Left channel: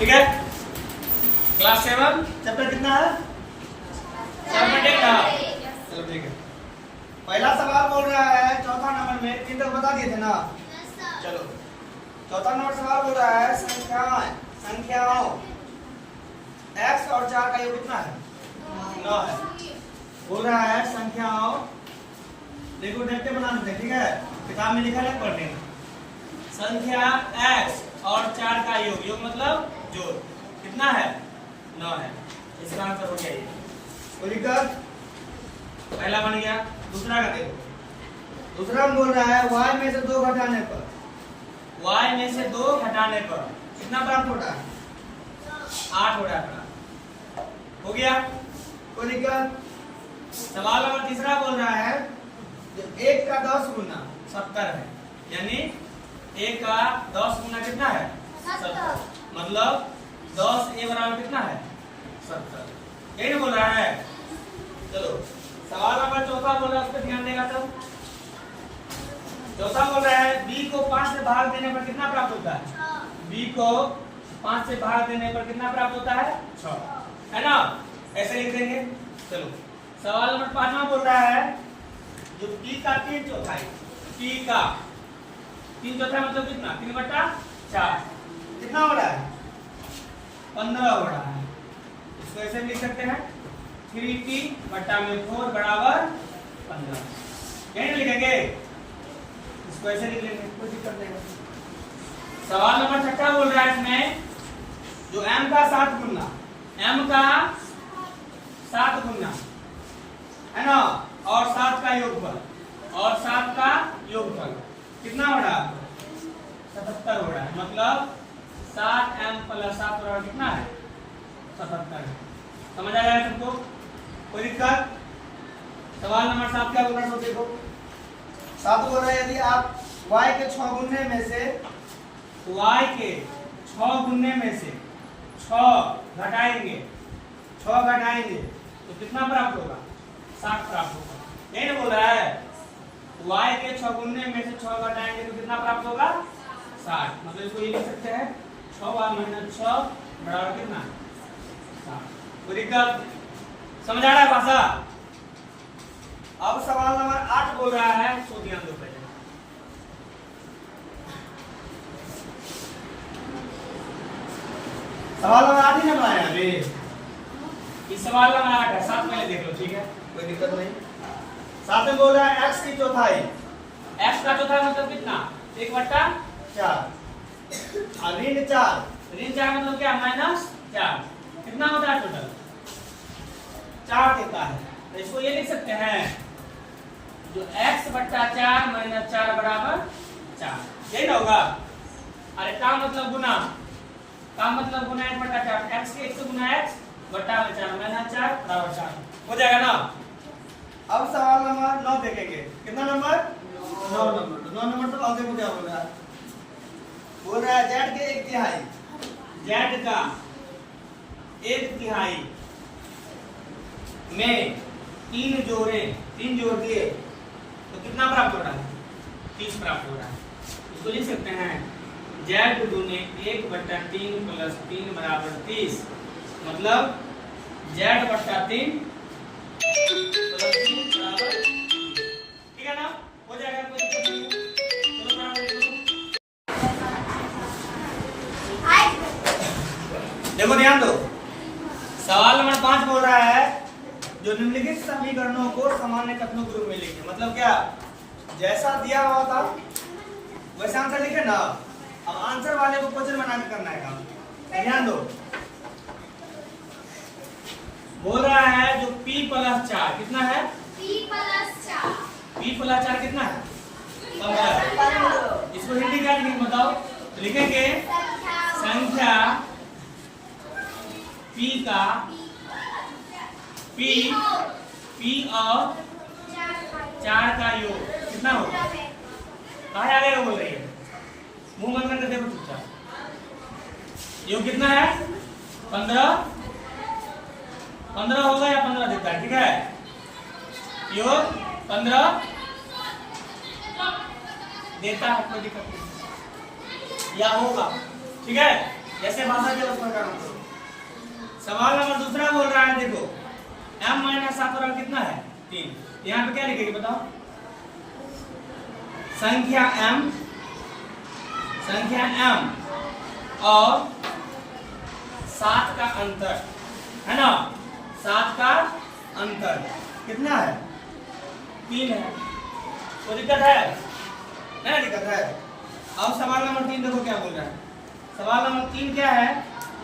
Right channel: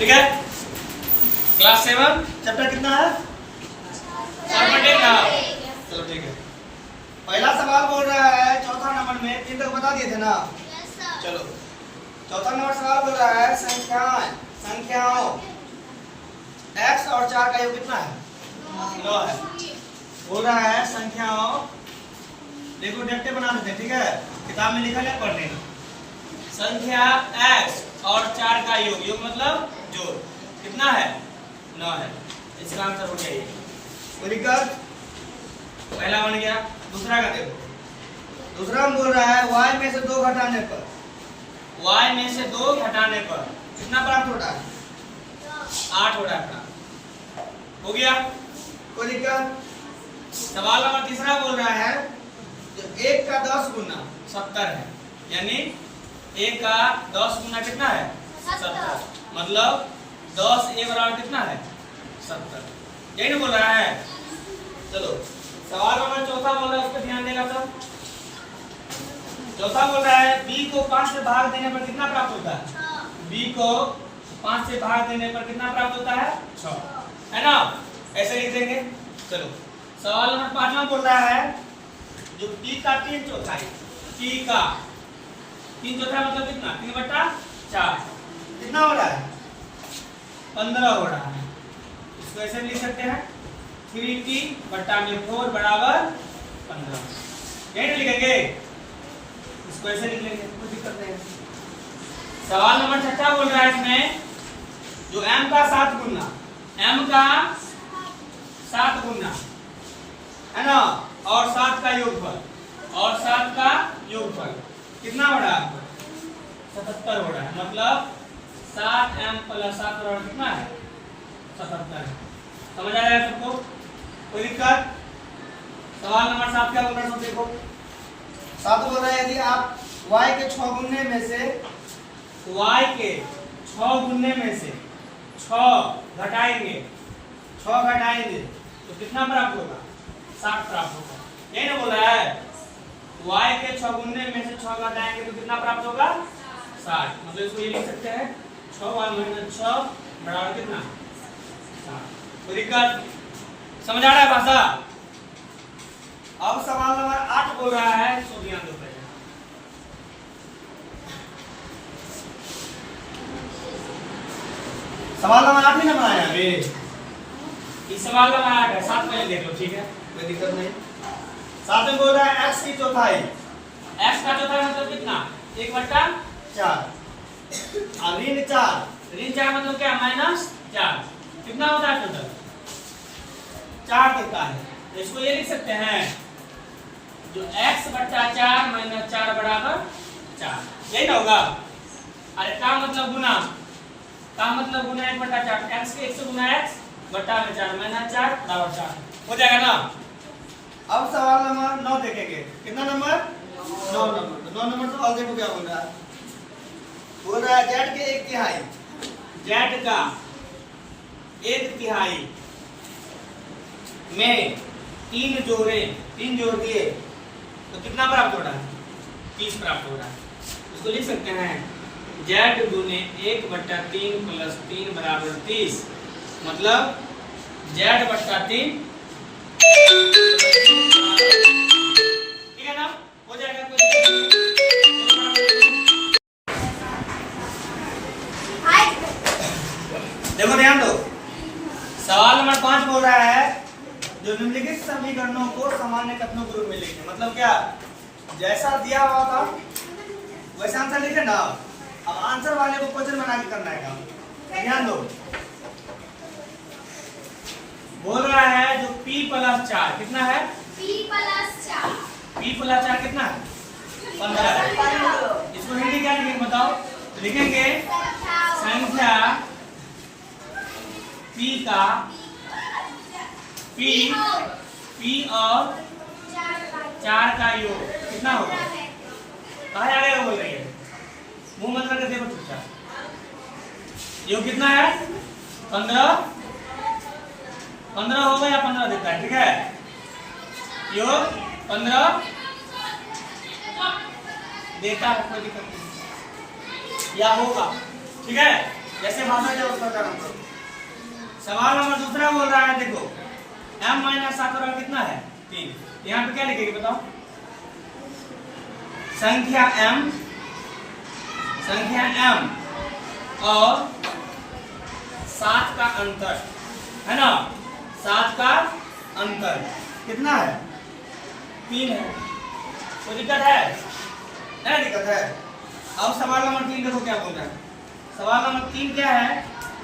ठीक है। Class 7 chapter कितना है? चलो ठीक है। पहला सवाल बोल रहा है चौथा नंबर में, 3 तक बता दिए थे ना। चलो चौथा नंबर सवाल बोल रहा है संख्याओं x और 4 का योग कितना है? 9 है। बोल रहा है संख्याओं, देखो देखते बना देते, ठीक है, किताब में लिखा है पढ़ लेना। संख्या x और 4 का योग, योग मतलब जोड़, कितना है? 9 है। इसका आंसर हो गया ये। कोई दिक्कत? पहला बन गया। दूसरा का देखो, दूसरा हम बोल रहा है y में से 2 घटाने पर, y में से 2 घटाने पर कितना प्राप्त होता है? 8 हो रहा है। हो गया? कोई दिक्कत? सवाल नंबर तीसरा बोल रहा है जो 1 का 10 गुना 70 है, यानी 1 का 10 गुना कितना है? 70, मतलब 10 a बराबर कितना है? 70। यही ना बोल रहा है। चलो सवाल नंबर चौथा बोल रहा है, उस पर ध्यान देगा तो। चौथा बोल रहा है b को 5 से भाग देने पर कितना प्राप्त होता है? b को 5 से भाग देने पर कितना प्राप्त होता है? 6, है ना? ऐसे लिख देंगे। चलो सवाल नंबर 5वां बोल रहा है जो p का 3 चौथाई, p का 3 चौथाई मतलब कितना? 3/4 कितना हो रहा है? 15 हो रहा है। इसको ऐसे लिख सकते हैं 3t/4 बराबर 15। यही लिखेंगे, इसको ऐसे लिख लेंगे, कोई दिक्कत नहीं है। सवाल नंबर 6 बोल रहा है इसमें जो m का 7 गुना, m का 7 गुना, है ना, और 7 का योगफल, और 7 का योगफल कितना हो रहा है? 77 हो रहा है। मतलब 7m + 7 बराबर कितना है? 77 है। समझ आ रहा है सबको? कोई दिक्कत? सवाल नंबर 7 क्या बोल रहा है सब देखो। 7 बोल रहा है यदि आप y के 6 गुने में से, y के 6 गुने में से 6 घटाएंगे, 6 घटाएंगे तो कितना प्राप्त होगा? 60 प्राप्त होगा। यही ना बोल रहा है, y के 6 गुने में से 6 घटाएंगे तो कितना प्राप्त होगा? 60। मतलब इसको ये लिख सकते हैं 6y - 6 बराबर कितना? 60। कोई दिक्कत? समझ आ रहा है भाषा? अब सवाल नंबर 8 बोल रहा है, तो ध्यान दो पहले। सवाल नंबर 8 ही ना बनाया अभी, इस सवाल नंबर 8 है, 7 पहले देख लो, ठीक है, कोई दिक्कत नहीं। 7 में बोल रहा है x की चौथाई, x का चौथाई मतलब कितना? 1/4 और ऋण 4 मतलब क्या? -4 कितना होता है टोटल? 4 देता है। तो इसको ये लिख सकते हैं जो x/4 - 4 बराबर 4, यही ना होगा। अरे का मतलब गुना, का मतलब गुना 1/4, x के 1 से गुना x बट्टा में 4 - 4 बराबर 4 हो जाएगा ना। अब सवाल नंबर 9 देखेंगे। कितना नंबर? 9 नंबर। 9 नंबर तो देखो क्या बोल रहा है। बोल रहा है z के 1/3, z का 1/3 में 3 जोड़ दिए तो कितना प्राप्त हो रहा है? 30 प्राप्त हो रहा है। इसको लिख सकते हैं z गुने 1/3 + 3 बराबर 30, मतलब z/3, ठीक है ना? हो जाएगा। कोई देखो ध्यान दो। सवाल नंबर 5 बोल रहा है जो निम्नलिखित समीकरणों को सामान्य कथनों के रूप में लिखें। मतलब क्या? जैसा दिया हुआ था वैसा आंसर लिखे ना। अब आंसर वाले को क्वेश्चन बना के करना है काम। ध्यान दो। बोल रहा है जो p+4 कितना है? p+4 कितना है? 15। इसको हिंदी क्या लिखेंगे बताओ? तो लिखेंगे संख्या p का p और 4 का योग कितना होगा? कहाँ आगे बोल रही है? मुंह बंद करके देखो चुपचाप। योग कितना है? 15 होगा या 15 देता है, ठीक है? योग 15 देता है, कोई दिक्कत नहीं, या होगा, ठीक है? जैसे भाषा के उसका करना करो। सवाल नंबर दूसरा बोल रहा है, देखो m माइनस 7 बराबर कितना है 3। यहाँ पे क्या लिखेगी बताओ? संख्या m और 7 का अंतर है ना, 7 का अंतर कितना है 3 है। कोई दिक्कत है? नहीं दिक्कत है। अब सवाल नंबर 3 देखो क्या बोल रहा है। सवाल नंबर 3 क्या है?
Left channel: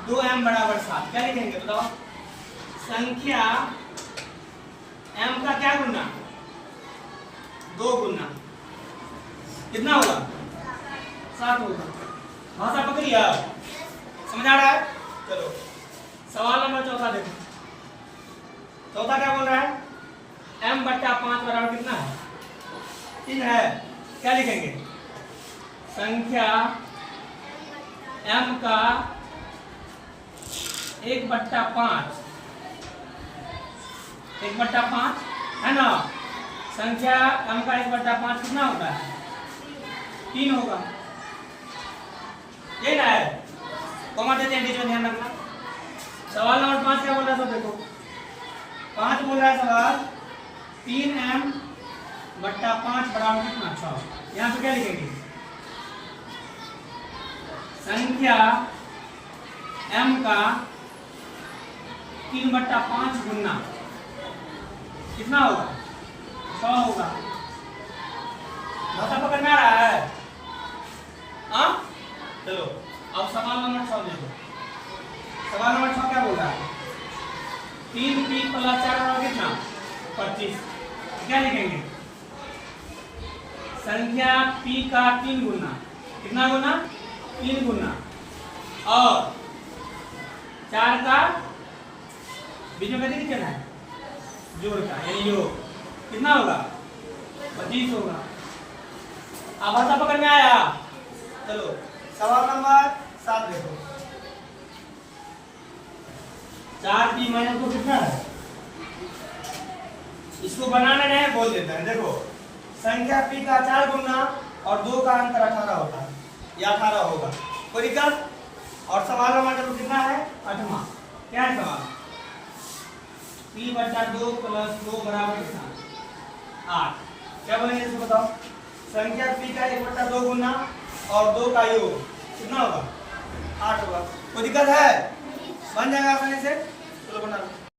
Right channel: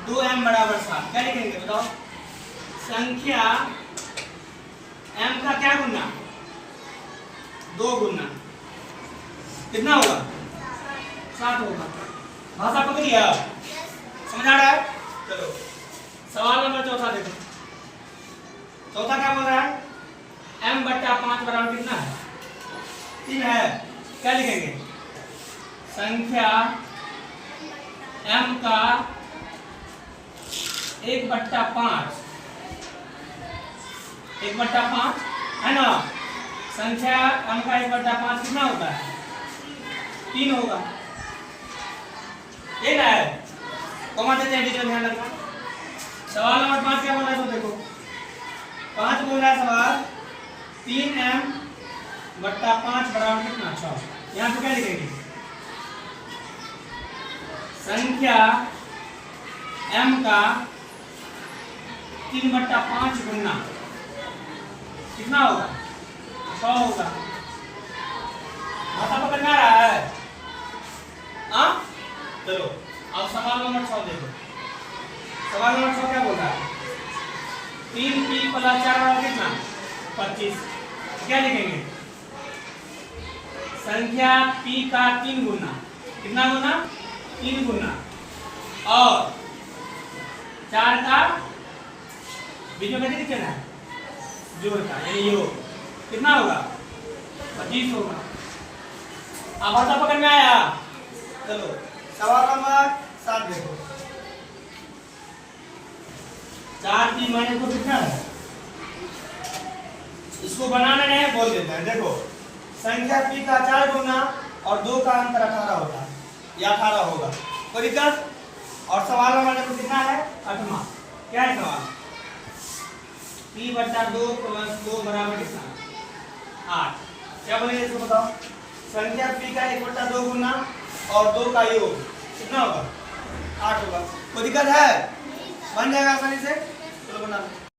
2m बराबर 7। क्या लिखेंगे बताओ? संख्या m का क्या गुना 2 गुना कितना होगा 7 होगा। भाषा पकड़ी आप? समझ आ रहा है? चलो सवाल नंबर चौथा देखो। चौथा क्या बोल रहा है? m बट्टा 5 बराबर कितना है 3 है। क्या लिखेंगे? संख्या m का 1/5 1/5 है ना। संख्या m का 1/5 कितना होता है 3 होगा। यही ना है? कॉमा देते हैं बीच में, ध्यान रखना। सवाल नंबर 5 क्या बोल रहा है? तो देखो 5 बोल रहा है सवाल 3m बट्टा 5 बराबर कितना 6। यहाँ पे क्या लिखेंगे? संख्या m का 3/5 गुना कितना होगा 6 होगा। भाषा पकड़ में आ रहा है? हाँ चलो अब सवाल नंबर 6 देखो। सवाल नंबर 6 क्या बोल रहा है? 3p + 4 बराबर कितना 25। क्या लिखेंगे? संख्या p का 3 गुना कितना गुना 3 गुना और 4 का बीच में कैसे चला है जोड़ का यानी योग कितना होगा 25 होगा। अब भाषा पकड़ में आया? चलो सवाल नंबर 7 देखो। 4p माइनस 2 कितना है? इसको बनाना नहीं बोल देता है। देखो संख्या p का 4 गुना और 2 का अंतर 18 होता है, या 18 होगा। कोई दिक्कत? और सवाल नंबर देखो कितना है 8वां। क्या है सवाल? p बट्टा 2 + 2 बराबर कितना 8। क्या बनेगा इसको बताओ? संख्या p का 1/2 गुना और 2 का योग कितना होगा 8 होगा। कोई दिक्कत है? बन जाएगा आसानी से। चलो बना लो।